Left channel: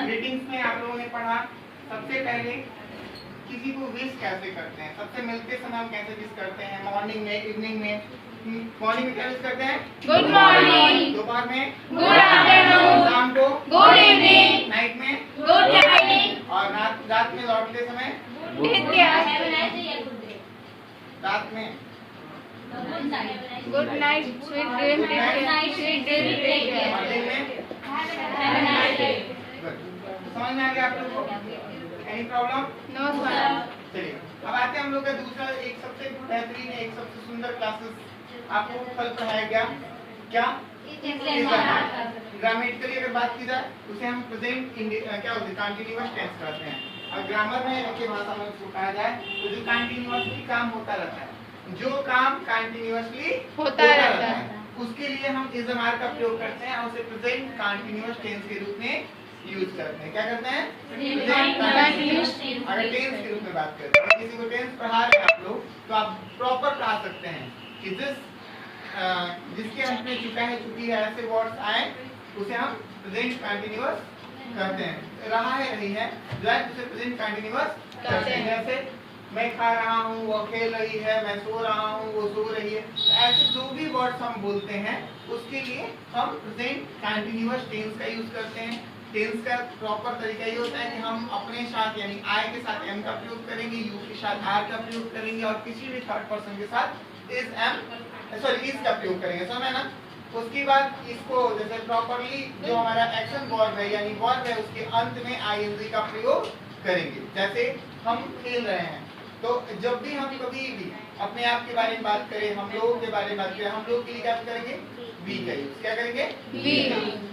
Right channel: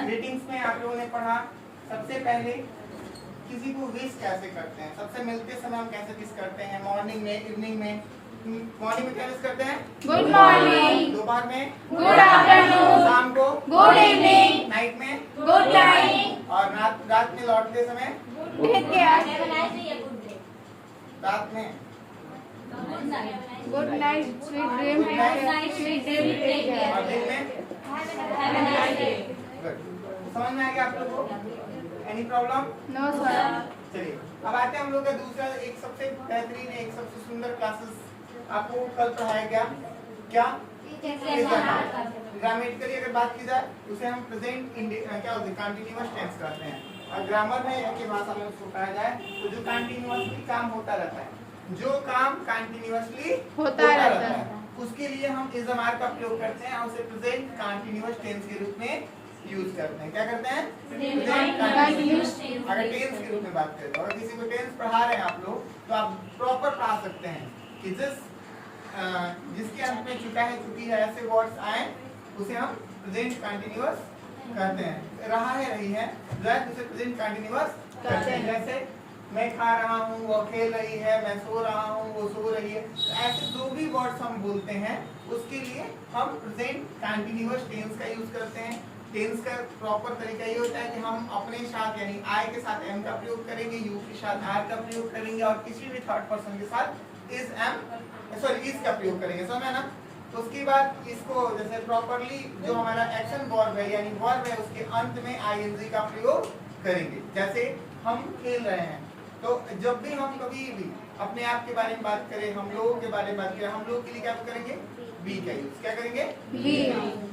Greetings में आप लोगों ने पढ़ा सबसे पहले किसी को विश कैसे करते हैं। सबसे मिलते समय हम कैसे विश करते हैं, मॉर्निंग में, इवनिंग में। मॉर्निंग में क्या विश करते हैं? Good morning. दोपहर में गुड आफ्टरनून। शाम को गुड इवनिंग। नाइट में गुड नाइट। और रात में लौटते समय रात में good night, sweet dream, sweet dream, take care. और दिन में हैव अ नाइस डे। समझ में आ गया आप लोगों को? Any problem? No sir. चलिए अब आते हैं हम लोग का दूसरा, एक सबसे बेहतरीन, एक सबसे सुंदर क्लासेस आपको कल पढ़ाया गया। क्या? ग्रामेटिकली अगर बात की जाए उसे हम प्रेजेंट क्या बोलते हैं, कंटीन्यूअस टेंस कहते हैं। और ग्रामर में की भाषा में उसको कहा जाए तो जो कंटीन्यूअसली काम होता रहता है, जो काम कंटीन्यूअसली होता रहता है, उसके लिए हम इज एम आर का प्रयोग करते हैं और उसे प्रेजेंट कंटीन्यूअस टेंस के रूप में यूज करते हैं। क्या करते हैं? अगर टेंस के रूप में बात करें तो किसी को टेंस पढ़ा रहे हैं आप लोग तो आप प्रॉपर पढ़ा सकते हैं कि जिसके अंत में चुका है, चुकी है, ऐसे वर्ड्स आए उसे हम प्रेजेंट कंटीन्यूअस कहते हैं। रहा है, रही है, जो है उसे प्रेजेंट कंटीन्यूअस कहते हैं। जैसे मैं खा रहा हूँ, वो खेल रही है, मैं सो रहा हूँ, वो सो रही है। तो ऐसे जो भी वर्ड्स हम बोलते हैं उसके लिए हम प्रेजेंट कंटीन्यूअस टेंस का यूज करते हैं। टेंस का प्रॉपर तरीका ये होता है कि हम अपने साथ यानी आई के साथ एम का प्रयोग करेंगे, यू के साथ आर का प्रयोग करेंगे और किसी भी थर्ड पर्सन के साथ इज का प्रयोग करेंगे। समझ ना? उसके बाद इसको जैसे प्रॉपरली जो हमारा एक्शन वर्ब है यानी वर्ब है उसके अंत में आईएनजी का प्रयोग करेंगे। जैसे हम खेल रहे हैं तो जब भी हम कभी भी अपने आप के बारे में बात करें, हम लोगों के बारे में बात करें, हम लोग के लिए क्या करेंगे? वी का यूज। क्या करेंगे? वी।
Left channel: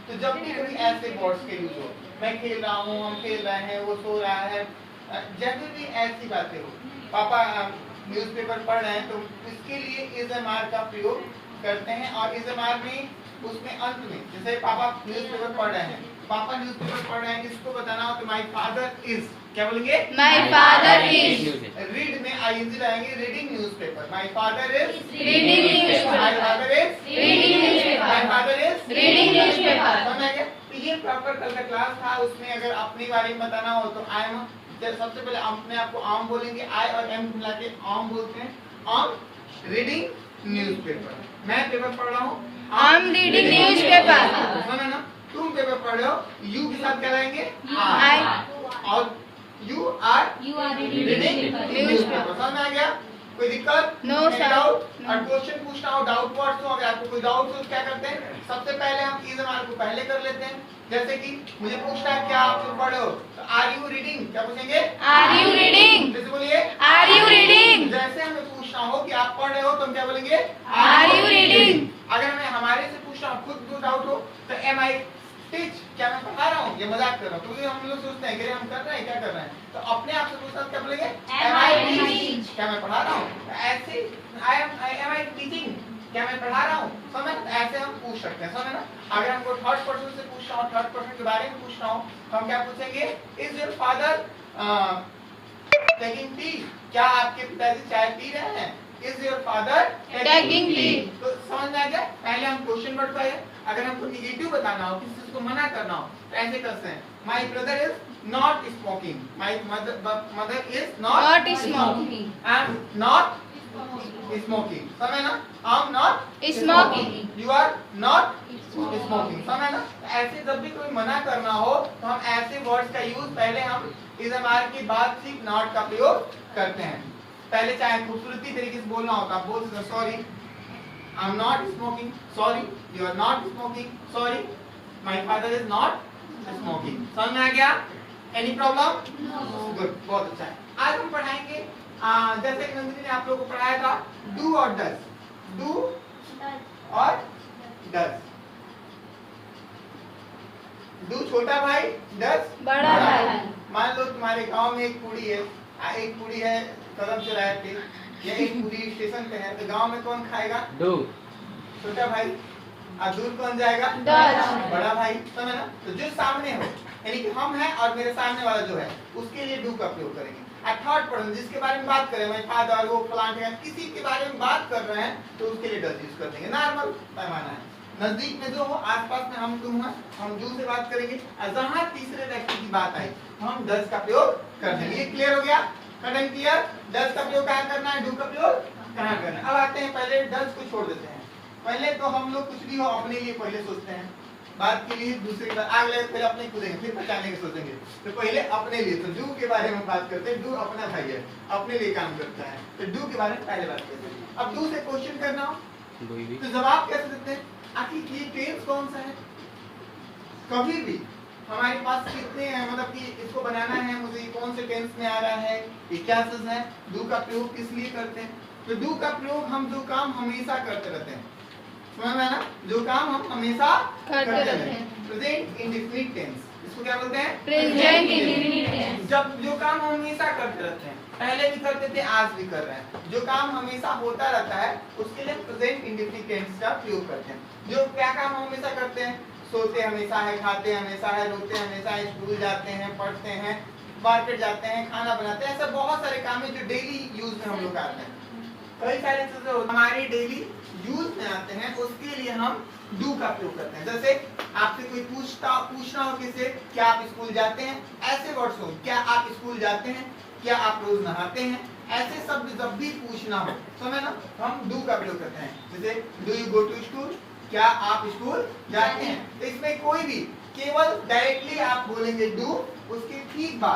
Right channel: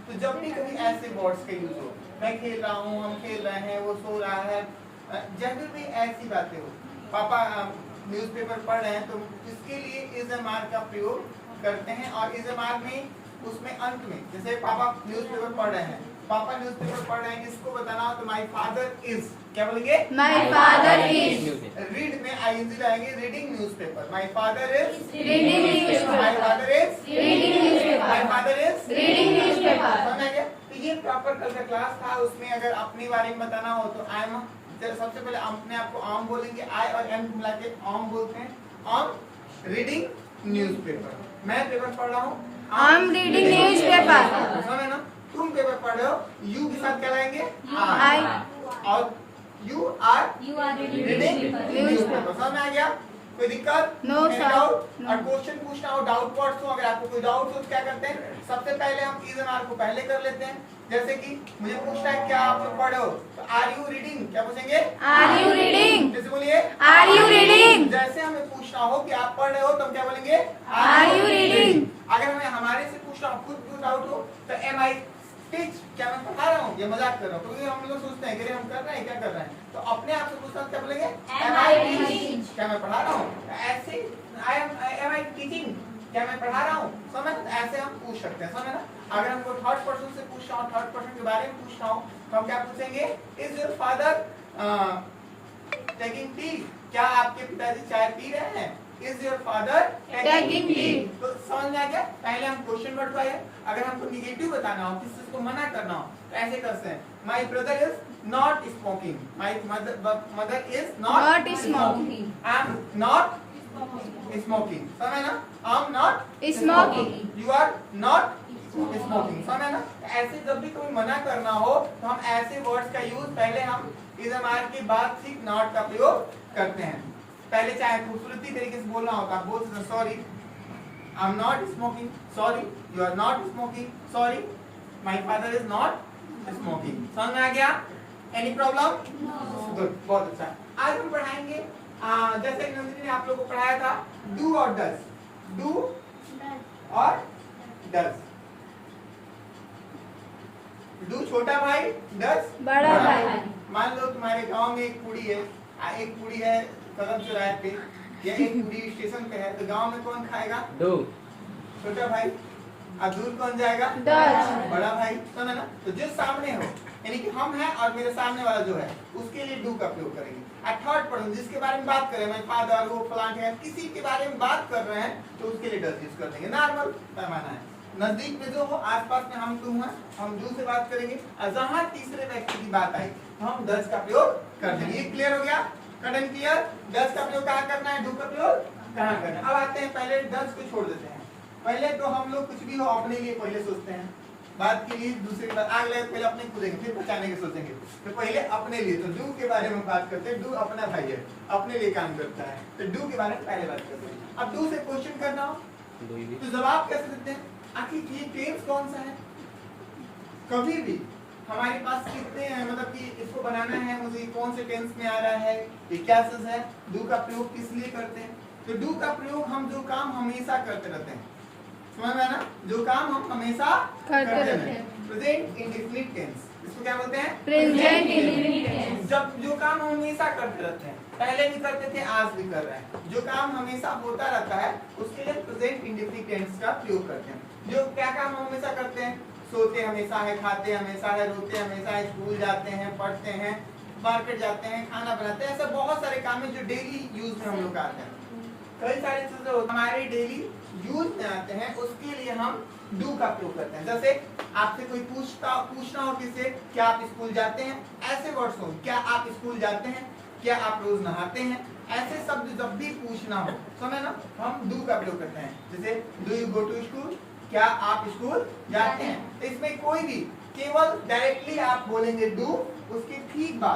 तो जब भी कभी ऐसे वर्ड्स का यूज हो, मैं खेल रहा हूँ, हम खेल रहे हैं, वो सो रहा है, जब भी ऐसी बातें हो, पापा न्यूज़पेपर पढ़ रहे हैं तो इसके लिए इज एम आर का प्रयोग करते हैं। और इज एम आर में उसमें अंत में जैसे पापा न्यूज़पेपर पढ़ रहे हैं, पापा न्यूज़पेपर पढ़ रहे हैं, इसको बताना हो तो माय फादर इज, क्या बोलेंगे? My father is. रीड में आईएनजी लगाएंगे, reading newspaper. My father is reading newspaper. My father is reading newspaper. My father is reading newspaper. समझ आ गया? तो ये प्रॉपर कल का क्लास था। उसमें अगर अपने बारे में बताना हो तो आई एम, सबसे पहले अपने आप को आम बोलेंगे, आई और एम मिला के आम बोलते हैं। आम रीडिंग न्यूज़पेपर। मैं पेपर पढ़ रहा हूँ, I'm reading newspaper। समझ ना? तुम पेपर पढ़ रहे हो, यू के साथ क्या लाएंगे? I। और यू आर रीडिंग न्यूज़पेपर। समझ में आ गया? कोई दिक्कत? No, sir। डाउट? और क्वेश्चन पूछना हो, डाउट वर्ड्स हो, अगर आपको कोई डाउट हो तो क्या करते हैं? सबसे पहले हम इज एम आर को पहले कर लेते हैं। जैसे कि मुझे पूछना है क्या आप लोग पढ़ रहे हो, तो आर यू रीडिंग, क्या पूछेंगे? Are you reading? कैसे बोलिए? Are you reading? जैसे हमें पूछना हो कि आप पढ़ रहे हो तो हम क्या बोलेंगे? Are you reading? अगर हमें हमारे से पूछना हो, खुद को डाउट हो तो एम आई टीच, क्या मैं पढ़ा रहा हूँ, ये मजाक कर रहा हूँ, तो ये हम लोग सोचते हैं कि हम कर रहे हैं, क्या कर रहे हैं। तो अपने आप से पूछना क्या बोलेंगे? एम आई टीचिंग, क्या मैं पढ़ा रहा हूँ। ऐसे एम आई टीचिंग, क्या मैं पढ़ा रहा हूँ। समझ? ऐसे हम पूछ सकते हैं। समझ ना? अगर हमको थर्ड पर्सन से पूछना हो, थर्ड पर्सन के बारे में पूछना हो तो हम क्या पूछेंगे? Is your father taking tea, क्या आपके पिताजी चाय पी रहे हैं। Is your father Taking tea। तो समझ में आ गया? पहले हम क्वेश्चन वर्ड पाए, अगर हमको निगेटिव बताना हो, किसी चीज को मना करना हो तो ऐसे करते हैं, my brother is not smoking, my mother is Not smoking। I am not smoking. समझ ना? I am not Smoking। You are not smoking. समझ ना? ऐसे जब भी कोई मना करना हो तो हम ऐसे वर्ड्स का यूज पहले हम इज एम आर के बाद सिर्फ नॉट का प्रयोग करते हैं। पहले चाहे खूबसूरती तरीके से बोलना होता है, बोल सकते sorry I am not smoking, sorry you are not smoking, sorry my father is not smoking. समझ में आ गया? Any problem? गुड, बहुत अच्छा। आज हम पढ़ाएंगे जैसे कि नंदिनी ने आप लोगों को पढ़ाया था डू और डज, डू और डज। डू छोटा भाई, डज बड़ा भाई। मान लो तुम्हारे गांव में एक कुड़ी है कदम चौराहे पे, या एक कुड़ी स्टेशन पे है, तो गांव में कौन खाएगा? डू। छोटा भाई। और दूर कौन जाएगा? डज। बड़ा भाई। समझ ना? तो जो सामने हो यानी कि हम हैं और मेरे सामने वाला जो है उसके लिए डू का प्रयोग करेंगे। और थर्ड पर्सन जिसके बारे में बात करें, मैं फादर, वो प्लांट है, किसी के बारे में बात कर रहे हैं तो उसके लिए डज यूज कर देंगे। नॉर्मल पैमाना है। नजदीक में जो हो, आसपास में हम तुम हैं, हम डू से बात करेंगे। और जहां तीसरे व्यक्ति की बात आई तो हम डज का प्रयोग कर देंगे। ये क्लियर हो गया? Cut and clear? डज का प्रयोग कहाँ करना है, डू का प्रयोग कहाँ करना है। अब आते हैं, पहले डज को छोड़ देते हैं। पहले तो हम लोग कुछ भी हो अपने लिए पहले सोचते हैं, बात के लिए दूसरी बात आगे पहले अपने खुदेंगे, फिर बचाने की सोचेंगे। तो पहले अपने लिए, तो डू के बारे में बात करते हैं। डू अपना भाई है, अपने लिए काम करता है, तो डू के बारे में पहले बात करते हैं। अब डू से क्वेश्चन करना हो तो जवाब कैसे देते हैं, आखिर ये टेंस कौन सा है। कभी भी हमारे पास कितने हैं, मतलब कि इसको बनाना है मुझे, ये कौन से टेंस में आ रहा है, ये क्या चीज है, डू का प्रयोग किस लिए करते हैं। तो डू का प्रयोग हम जो काम हमेशा करते रहते हैं, समझ में ना, जो काम हम हमेशा करते रहते हैं। प्रेजेंट इंडेफिनिट टेंस, इसको क्या बोलते हैं, प्रेजेंट इंडेफिनिट टेंस। जब जो काम हम हमेशा करते रहते हैं, पहले भी करते थे आज भी कर रहे हैं, जो काम हमेशा होता रहता है उसके लिए प्रेजेंट इंडेफिनिट टेंस का प्रयोग करते हैं। जो क्या काम हम हमेशा करते हैं, सोते हमेशा है, खाते हमेशा है, रोते हमेशा है, स्कूल जाते हैं, पढ़ते हैं, मार्केट जाते हैं, खाना बनाते हैं, ऐसे बहुत सारे काम है जो डेली यूज में हम लोग करते हैं। कई सारी चीजें हमारे डेली यूज में आते हैं, उसके लिए हम डू का प्रयोग करते हैं। जैसे आपसे कोई पूछना हो किसी, क्या आप स्कूल जाते हैं, ऐसे वर्ड्स हो, क्या आप स्कूल जाते हैं, क्या आप रोज नहाते हैं, ऐसे शब्द जब भी पूछना हो, समझ ना, हम डू का प्रयोग करते हैं। जैसे do you go to school, क्या आप स्कूल जाते हैं। तो इसमें कोई भी केवल डायरेक्टली आप बोलेंगे डू, उसके ठीक बाद